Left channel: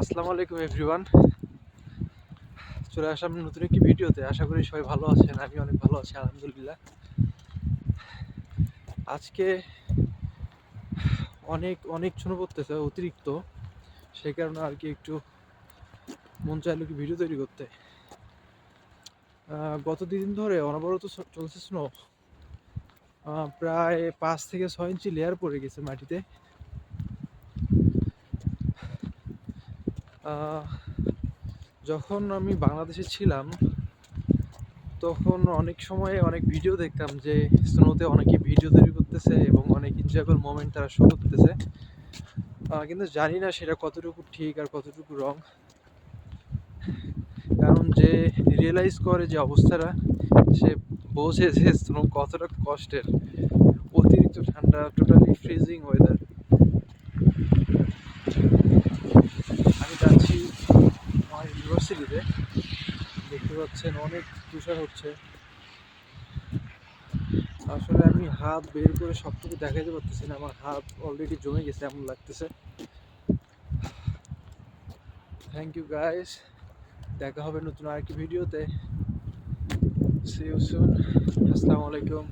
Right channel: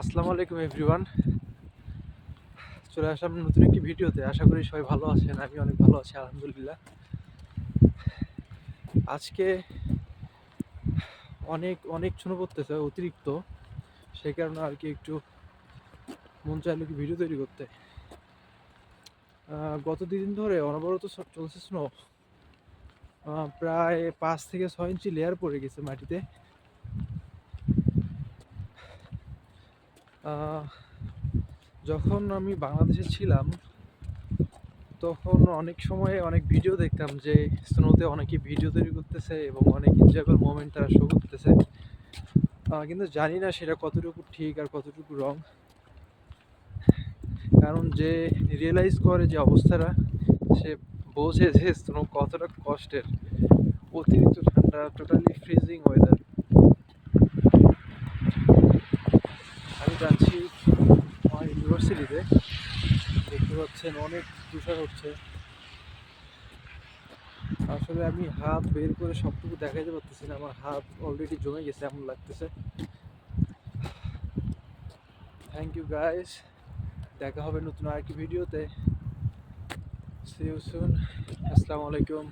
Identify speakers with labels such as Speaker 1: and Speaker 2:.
Speaker 1: আসসালামু আলাইকুম এভরিওয়ান চলে আসলাম নতুন একটি ভিডিওতে। আশা করি সবাই ভালো আছেন, আমি অনেক ভালো আছি, আলহামদুলিল্লাহ। আজকে অনেক অনেক ছুনো পড়তেছে অতিরিক্ত সেই কারণে আর কি একটু মন চাইলো কি ভিডিও তৈরি করতে। গত দুদিন ধরে অনবরত চলছে স্নো প্রায় পাঁচ থেকে ছয় ইঞ্চি লেয়ার পড়ে গেছে মাটিতে। যখন আমি বাংলাদেশে ছিলাম, তখন অনেক সময় অনেক ভিডিও দেখতাম যে স্নোতে অনেকে ভিডিও তৈরি করতেছে এবং অনেক এনজয়েবল মোমেন্ট তারা শো করতেছে। কিন্তু জানি না সেটা কতটুকু ঠিক আর কতটুকু রং কারণ যে রিয়েলাইজ করে যে অবস্থাটা, সে বোঝে যে স্নো কতটা কষ্টের। অতিরিক্ত ঠান্ডা টোটালি ফ্রিজিং ওয়েদার আমি যাচ্ছি ইউনিভার্সিটিতে দেখতে পাচ্ছেন অনেক তুষার হচ্ছে। আসলে আমি হাত বের করে সবটুকু দেখাইতে পারতেছি না, আমার হাত অলরেডি জমে গেছে, এমন লাগতেছে। থ্যাংক ইউ গাইস দেখা হবে নতুন আরেকটি ভিডিওতে। সি সুন আসসালামু আলাইকুম।